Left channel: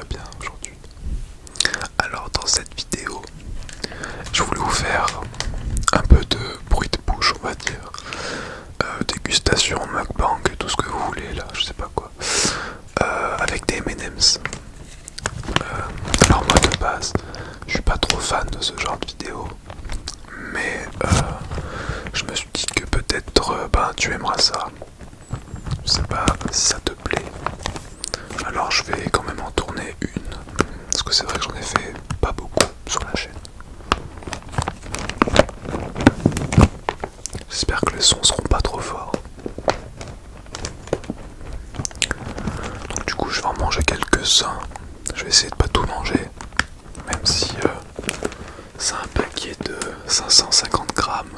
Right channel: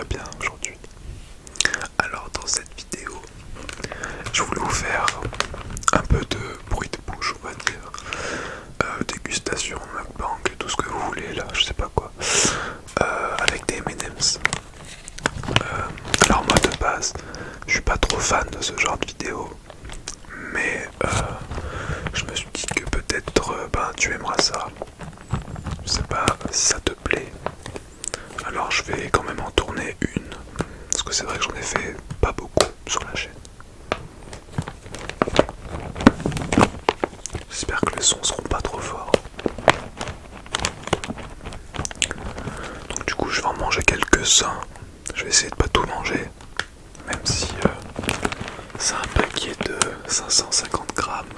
va bien aujourd'hui. Alors dans cette vidéo, je voulais vous faire un peu de bruit de bouche, on va dire. Dégustation, mukbang, tout ce que vous voulez là, je sais pas quoi. Avec des M&M's. Alors moi de base, je suis pas trop fan de ce genre de vidéo. Mais je me suis dit que peut-être tu aimeras ça. Je sais pas si ça te plaît. Alors je vais quand même en tourner une. Parce que c'est vrai que j'en ai fait pas beaucoup sur la chaîne. J'espère que les sons seront pas trop forts. Donc du coup je vais en manger quelques-uns. Je vais essayer de pas tout manger. Même si c'est un paquet de 550 grammes.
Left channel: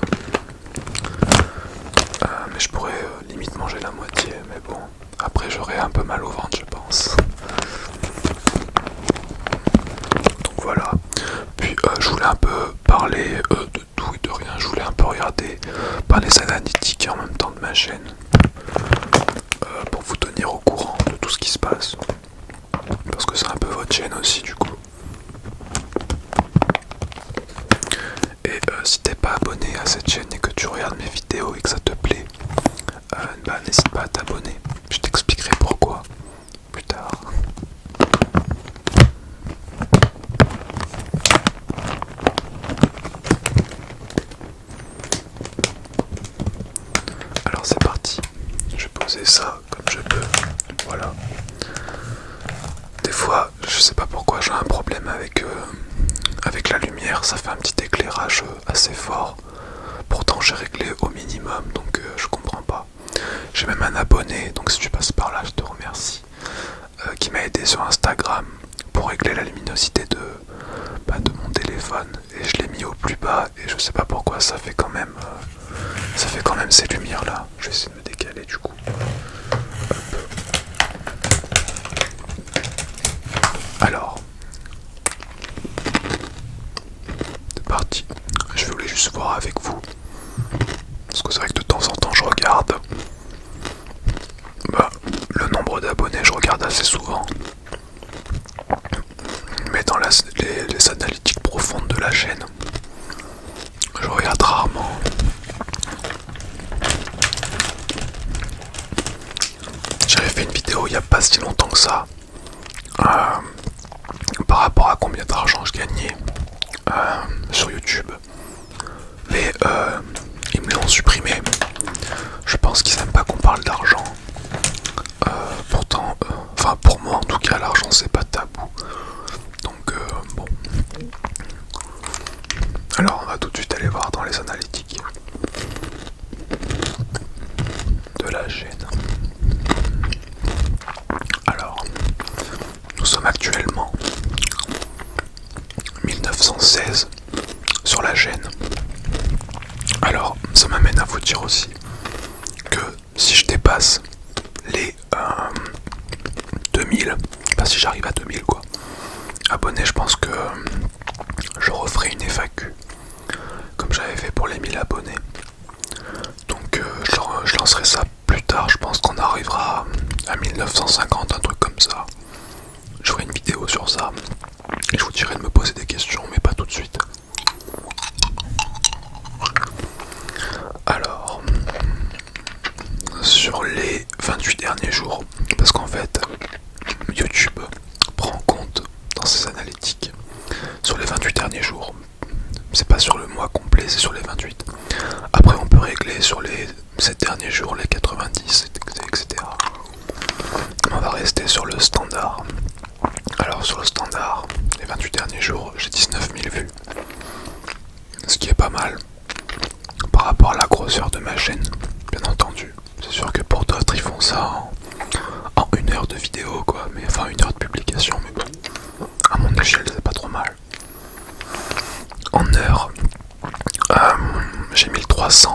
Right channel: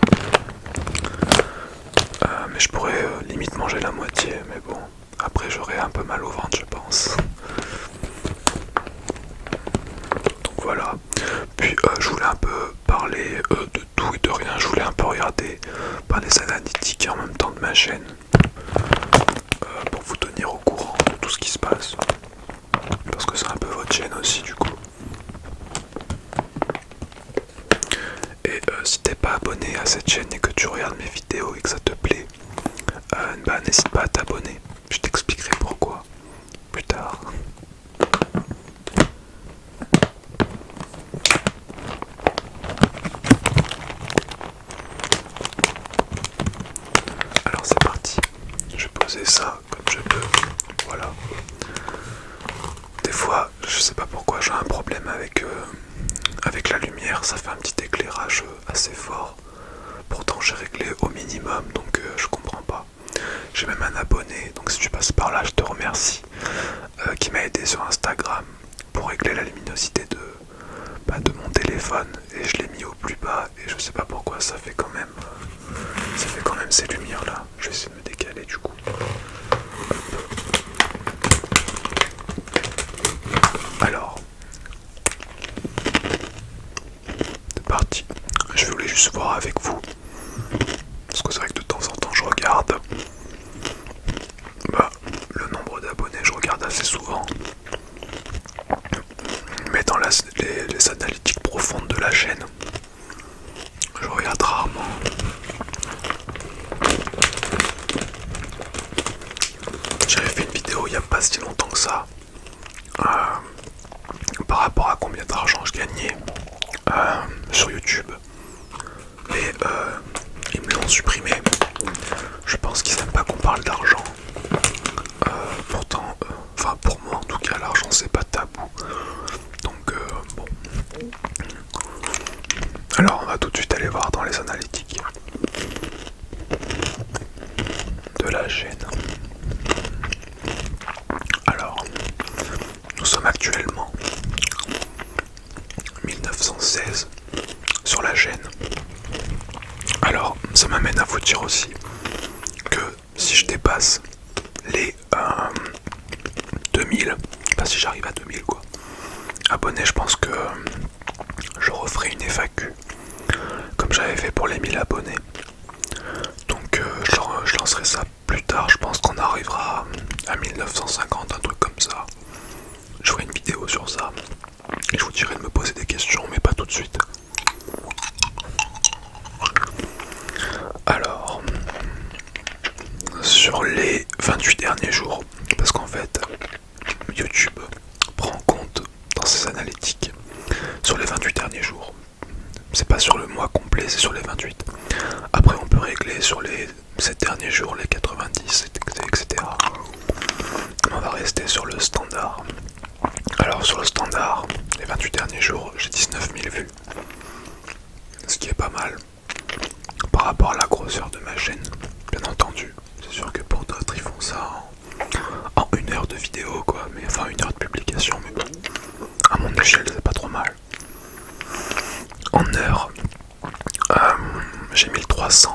Mais je pourrais limite manger la moitié. Mais bon, après j'aurai un peu mal au ventre je pense. Donc voilà. Puis je voulais un peu parler de tout et de rien. Je voulais un peu regarder les analytiques en même temps de ma chaîne. Pour vous tenir au courant de tout ce qui se passe. Parce que c'est un peu votre chaîne aussi du coup. Et si t'es pas abonné à cette chaîne et que tu regardes mes vidéos et que ça te plaît, n'hésite pas à t'abonner. Je t'expliquerai pourquoi plus tard. Alors c'est parti. Je vais poser ça comme je peux. Voilà. Des fois, je sais pas pourquoi j'ai un problème avec la lumière. Ça fait un petit éclairage assez fort. Pourtant j'ai réglé au minimum, donc je comprends pas. J'ai même un abonné, donc si tu passes par là, je te remercie, qui m'a aidé sur Instagram pour régler la luminosité de mon téléphone, et je l'ai mis au plus bas, et je sais pas pourquoi ça fait quand même ces lumières là. Je vais essayer de me décaler du coup. Alors, c'est parti. Je voulais juste voir avec vous, parce que c'est vrai que de temps en temps je regarde le nombre d'abonnés, je regarde assez souvent, mais dans les analytiques profondes de la chaîne, je regarde rarement. J'avais fait une vidéo il n'y a pas si longtemps que ça, par rapport à combien d'argent je gagnais sur YouTube, mais ils me l'ont supprimé. Je pense qu'ils n'aiment pas qu'on parle d'argent. Pourtant, pour moi en tout cas, l'argent c'est pas tabou. Donc bon. Alors on va tout de suite aller voir dans les analytiques de la chaîne. Alors, nous sommes actuellement 1916 sur la chaîne. Alors, ça m'amène à vous dire aussi que si je dépasse les 2000, si j'arrive à 2000 quoi, abonnés, je pense que je referai une FAQ comme j'avais fait pour les 1000 abonnés. Donc je lancerai ça plus tard, je pense qu'on arrivera à 1950, un truc comme ça. Je ferai une vidéo sur ça et je vous dirai de me poser des questions, mais pas tout de suite. Alors, sur les 28 derniers jours, parce qu'en fait YouTube prend en compte dans ses analytiques sur les 28 derniers jours. C'est pas sur le mois complet, c'est sur les 28. Après on peut régler sur les 7 derniers jours, les 90, etc. On va rester sur le standard. Alors sur le standard, les 28 derniers jours, j'ai 19 000 vues. Ce qui est pas mal par rapport à la grosseur de ma chaîne, bien entendu. C'est sûr que pour d'autres, ils font ça en 1 heure de vidéo, quoi. Mais enfin 1 heure de publication, mais bon. À mon échelle, c'est pas trop mal. En heure, j'ai 1300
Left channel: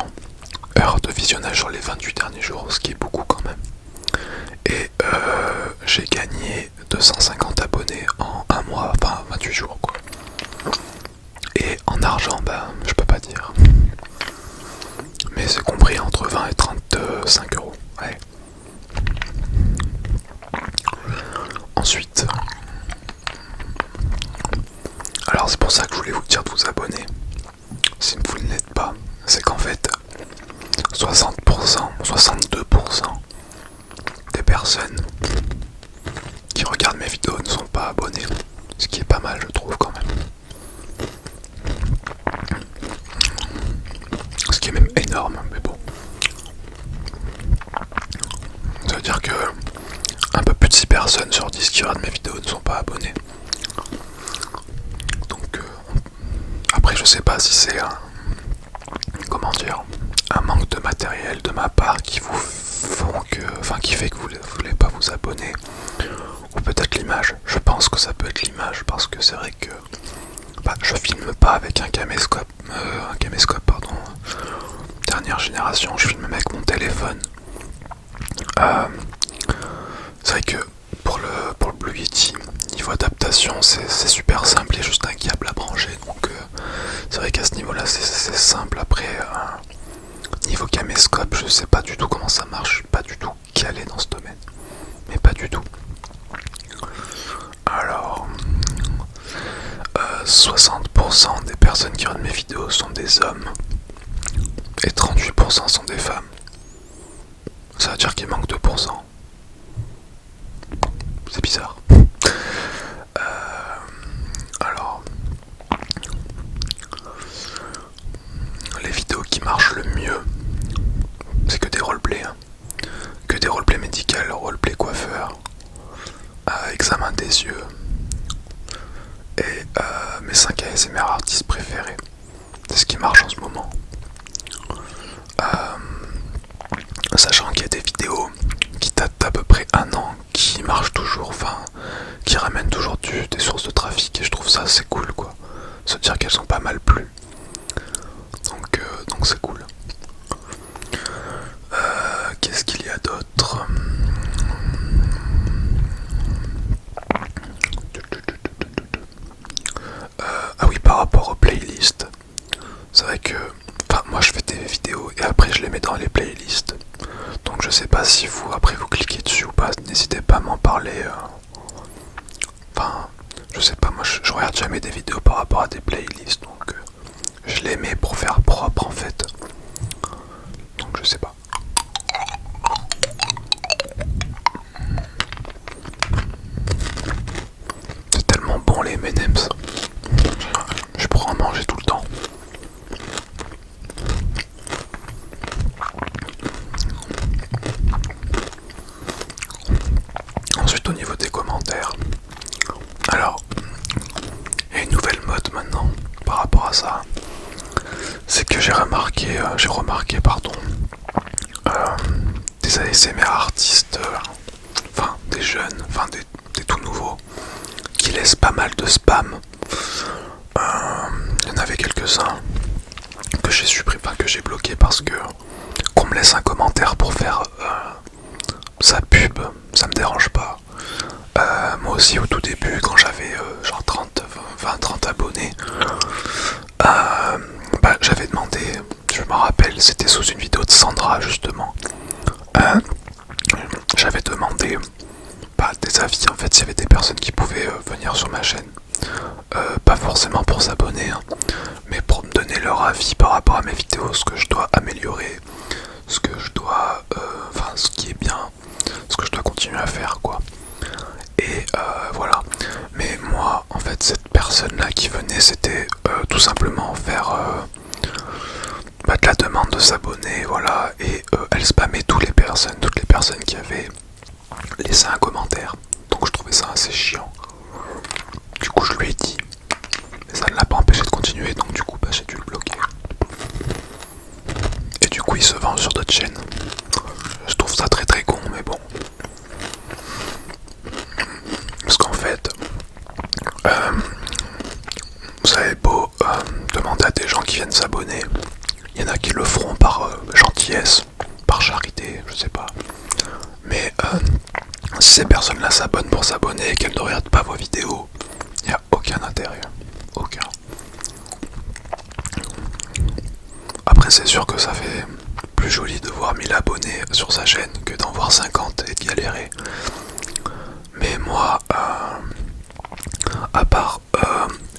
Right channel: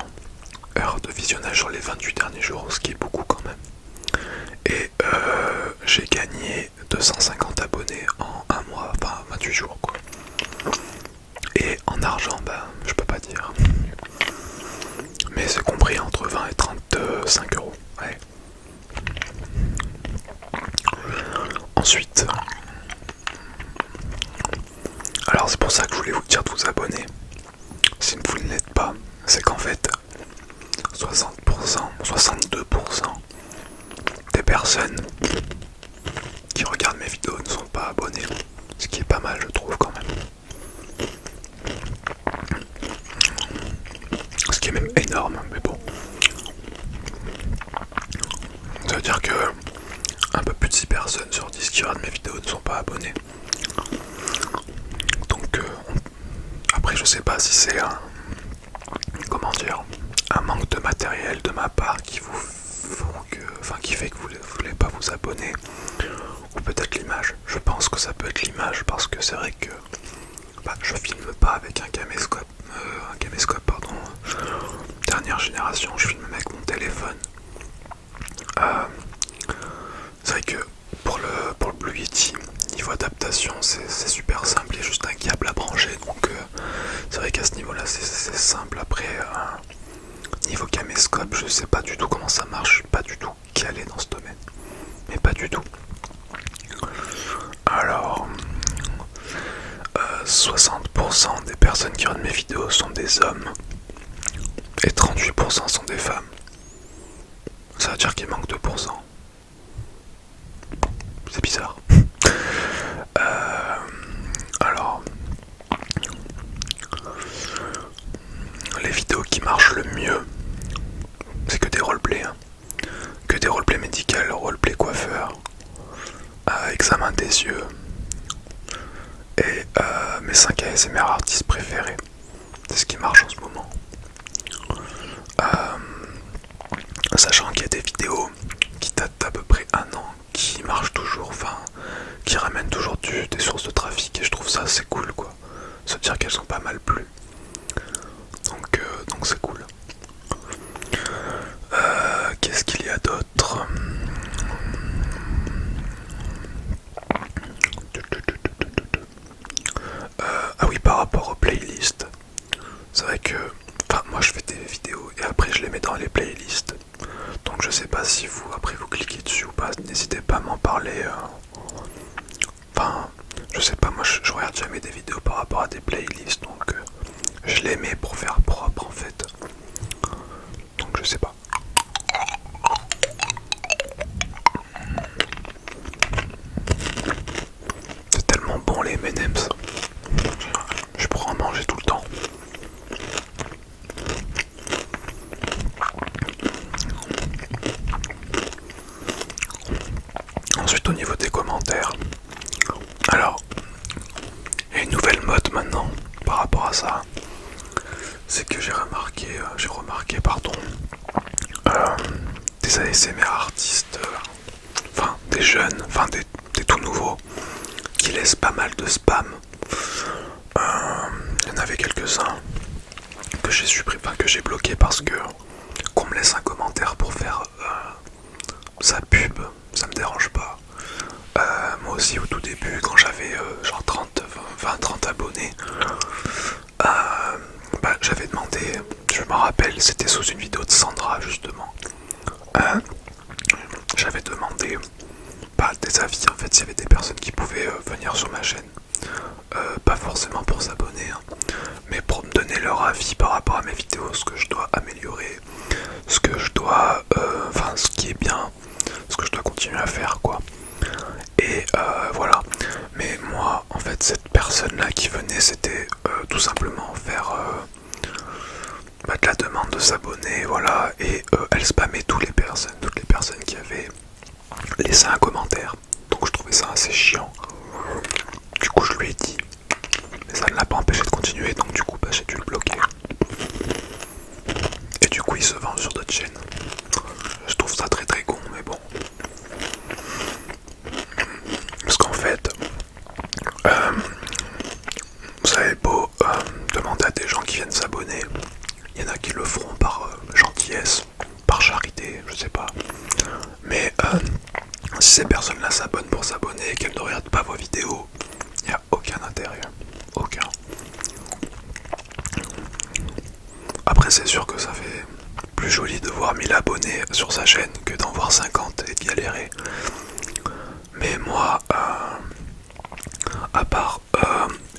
heures de visionnage sur les 28 derniers jours, ce qui est beaucoup quand même. Et j'ai gagné 250 abonnés en 1 mois, 28 jours quoi. Et en argent, je peux pas dire. Mais c'est compris entre 20 et 35 euros. Ouais. Ensuite, pour ça que je voulais vous dire de vous abonner. Si vous ne l'êtes pas, c'est qu'en fait 60%, 62% des personnes qui regardent mes vidéos ne sont pas abonnées. Ce qui est pas mal, je trouve, quand même. Ce qui est même énorme, mais bon. Ça veut dire que un peu plus de 6 personnes sur 10 qui regardent mes vidéos ne sont pas abonnées. Donc après je sais pas si c'est un manque de matériel de ma part qui vous qui fait que vous ne voulez pas vous abonner, ou peut-être l'image. Je pense que ça peut être l'image, parce que c'est vrai que je filme pas avec un caméscope dernière génération, je filme avec mon téléphone. C'est vrai que pour le Blue Yeti, niveau adaptation, c'est super simple, il y a juste un câble à brancher, donc c'est vrai qu'à ce niveau là c'est simple. Après niveau caméscope, je sais pas du tout comment ça marche, je suis pas du tout calé dans ce domaine, mais pas du tout. Alors 60% des personnes qui regardent mes vidéos sont des hommes et 38% sont des femmes. Ça veut dire qu'il manque 2%. C'est bizarre. Alors, les vidéos qui marchent le mieux, c'est que des roleplays. Que des roleplays médicaux, roleplay coiffeur, examen des yeux et mes 5 ASMR artistes préférés. C'est ce qui marche en ce moment. Sachant qu'il y a des vidéos qui datent d'à peu près 1 an, qui marchent toujours, qui ramènent toujours des sources de trafic, et je trouve ça assez cool, quoi. Se dire qu'elles sont pas mal plues. Donc c'est cool. Qu'est-ce qu'il y a d'autre? Ah oui, par rapport aux playlists, c'est vrai que moi je fais des vidéos et après je les mets dans les playlists. Donc je sais pas si vous, après vous cliquez dessus ou pas, n'hésitez pas à m'en parler. Je sais pas, moi je regarde jamais des vidéos par rapport à des playlists, donc je les mets pour faire propre en fait. Donc je sais pas. C'est tellement bon les M&M's. Je pourrais en manger tout le temps. Ensuite au niveau des commentaires. Alors, il y a une nouvelle mode maintenant par rapport à ça. C'est que j'ai remarqué des ASMR artistes, des jeunes, des tout nouveaux, qui laissent pas mal de spam. Il y en avait quelques-uns que j'ai supprimé, que j'ai bloqué parce que qu'on me laisse un commentaire pour faire sa pub, ça me dérange pas. Moi aussi au tout début, quand j'avais genre 30 abonnés, j'avais demandé, je me rappelle, c'était sous une vidéo de Sandra justement, j'avais demandé des avis en fait, s'il y avait des personnes qui pouvaient venir sur ma chaîne, pas forcément pour s'abonner, mais pour me donner leur avis par rapport à mes vidéos, ce que je dois améliorer, ce que je dois, ce qui est bien, ce que je dois continuer à faire, quoi. Et voilà. Mais moi, en fait, cette personne-là qui venait, c'était tout simplement faire de la demande de s'abonner, voilà. Et elle spammait toutes les personnes qui avaient laissé un commentaire. Donc je trouvais ça assez chiant. Du coup, je lui ai dit. Mais ça ne l'a pas empêché de continuer, donc du coup, j'ai dû le bloquer. Et du coup, il se vend sur d'autres chaînes. Je trouve ça très très con, mais bon. Parce qu'en fait, vous avez beau demander à des gens qui viennent s'abonner, il y en a qui le feront par gentillesse, par charité, je sais pas. Mais si ces personnes-là s'abonnent pour s'abonner et qu'elles ne regardent pas vos vidéos, il n'y a aucun intérêt. Aucun. Après, c'est sûr que ça fait plus joli de voir 1000 abonnés sur sa chaîne que d'en voir 50 et de galérer. Mais moi, à part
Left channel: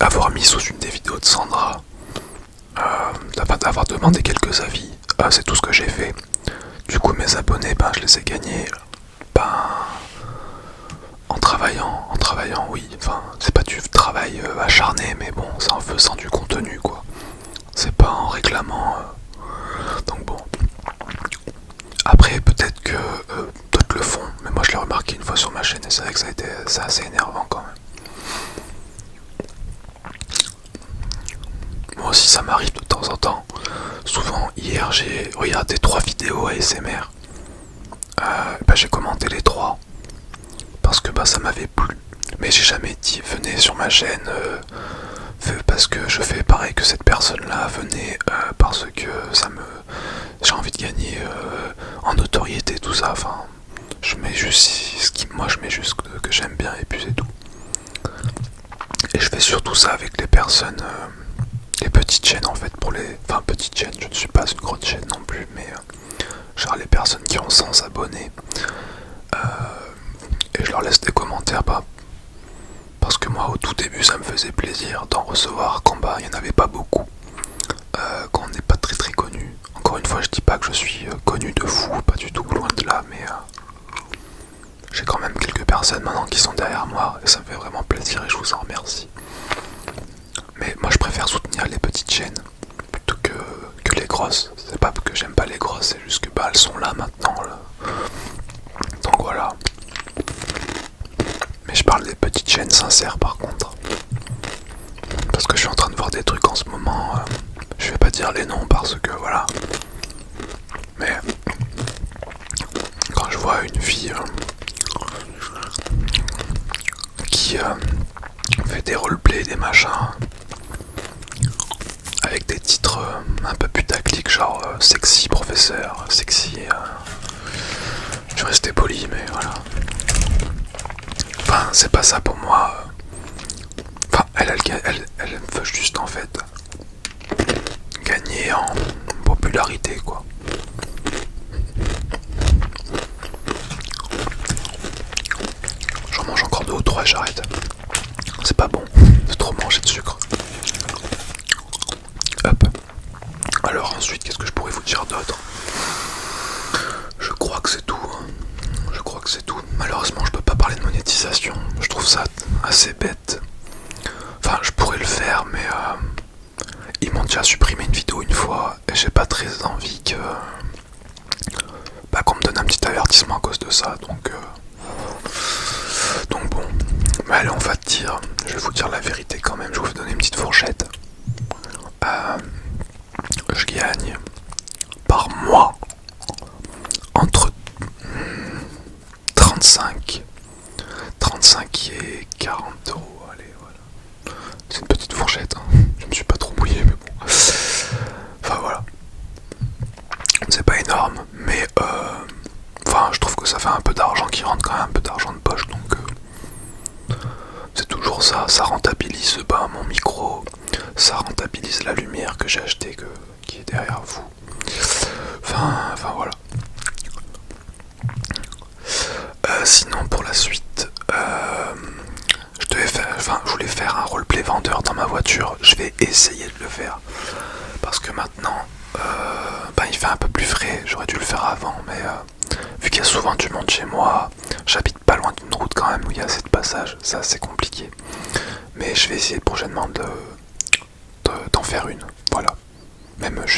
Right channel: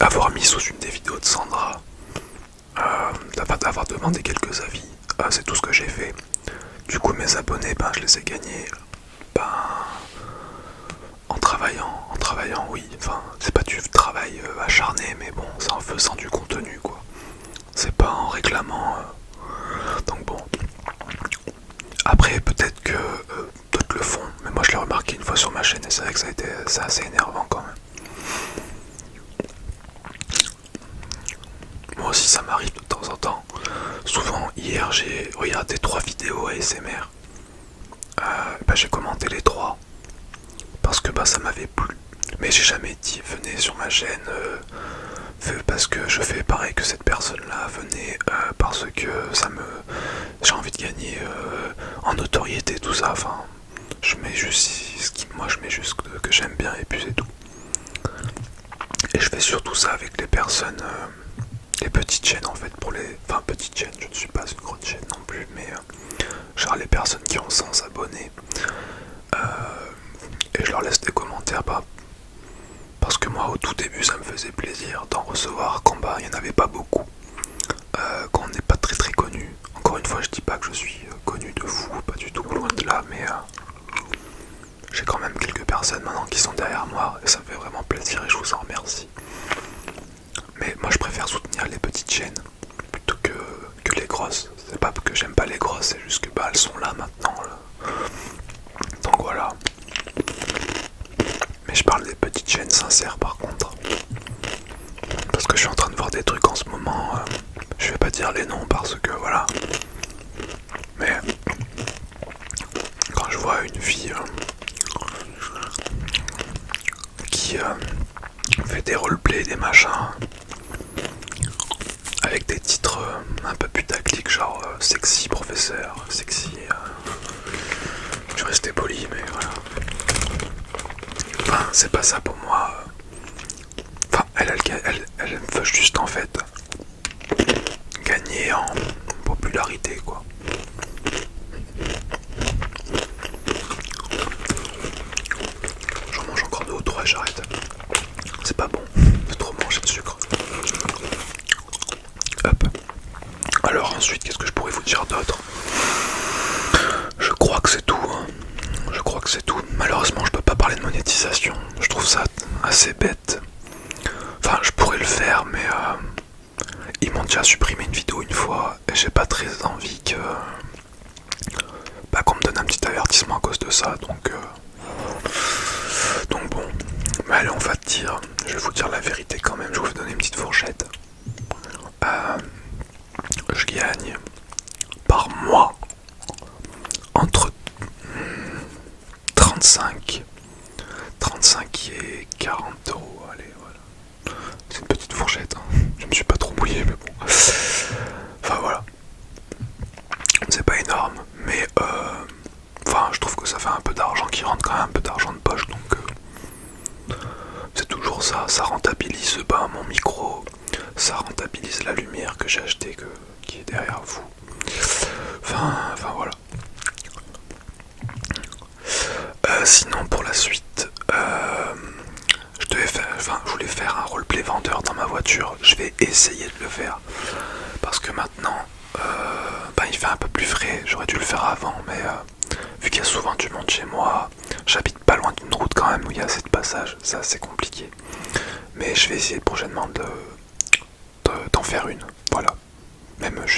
avoir mis sous une des vidéos de Sandra, d'avoir demandé quelques avis. C'est tout ce que j'ai fait. Du coup mes abonnés, je les ai gagnés en travaillant, oui. Enfin, c'est pas du travail acharné, mais bon, c'est en faisant du contenu, quoi. C'est pas en réclamant. Donc bon. Après, peut-être que d'autres le font, mais moi je l'ai remarqué une fois sur ma chaîne et c'est vrai que c'est assez énervant quand même. Moi aussi ça m'arrive de temps en temps. Souvent, hier j'ai regardé 3 vidéos ASMR. J'ai commenté les 3 parce que ça m'avait plu. Mais j'ai jamais dit venez sur ma chaîne parce que je fais pareil que cette personne-là, venez parce que j'ai envie de gagner en notoriété, tout ça. Enfin, je mets juste je mets juste que j'aime bien et puis c'est tout. Et je fais surtout ça avec les personnes, les petites chaînes en fait, enfin petites chaînes, je ne suis pas une grande chaîne non plus, mais genre les personnes qui ont 100 abonnés, et je leur laisse des commentaires, parce que moi au tout début ça me faisait plaisir d'en recevoir quand il n'y en avait pas beaucoup, quand on n'est pas très très connu. Encore une fois, je dis pas que je suis connu de fou, pas du tout, loin de là, mais j'ai quand même quelques personnes maintenant qui sont derrière moi et ça me fait vraiment plaisir et je vous en remercie. Mais moi je préfère soutenir les petites chaînes plutôt que les grosses. C'est pas que j'aime pas les grosses, c'est juste que elles sont là maintenant là. Donc voilà. Mais je parle des petites chaînes sincères par contre. Parce que je suis en train de voir des trucs en ce moment. Je vais pas dire les noms parce que voilà. Mais quand je vois une fille qui fait des roleplays, des machins, avec des titres un peu putaclic, genre sexy professeur, sexy. Je vais rester poli, mais voilà. Enfin, c'est pas ça pour moi. Enfin, elle veut juste en fait gagner en popularité, quoi. J'en mange encore 2 ou 3 et j'arrête. C'est pas bon, c'est trop manger de sucre. Hop. Alors ensuite, qu'est-ce que je pourrais vous dire d'autre? Je crois que c'est tout. Je crois que c'est tout. Malheureusement, je peux pas parler de monétisation. Je trouve ça assez bête. Enfin, je pourrais le faire, mais ils m'ont déjà supprimé une vidéo une fois et j'ai pas très envie qu'on me donne un petit avertissement à cause de ça. Donc bon. Mais allez, on va je vais vous dire la vérité quand même. Je vais vous donner une petite fourchette. Je gagne par mois entre 35 et 40 euros. Allez, voilà. C'est une petite fourchette. Je me suis pas trop mouillé, mais bon. Enfin voilà. C'est pas énorme, mais je trouve que ça fait un peu d'argent qui rentre quand même, un peu d'argent de poche, donc c'est toujours ça. Ça rentabilise mon micro, ça rentabilise la lumière que j'ai achetée, qui est derrière vous. Enfin voilà. Sinon pour la suite, je voulais faire un roleplay vendeur dans ma voiture. Je vais essayer de le faire parce que maintenant il fait un peu plus frais. J'aurais dû le faire avant, mais vu qu'il y a souvent du monde chez moi, j'habite pas loin d'une route quand même où il y a assez de passages. C'est assez compliqué, mais je vais essayer prochainement d'en faire une. Voilà. Même je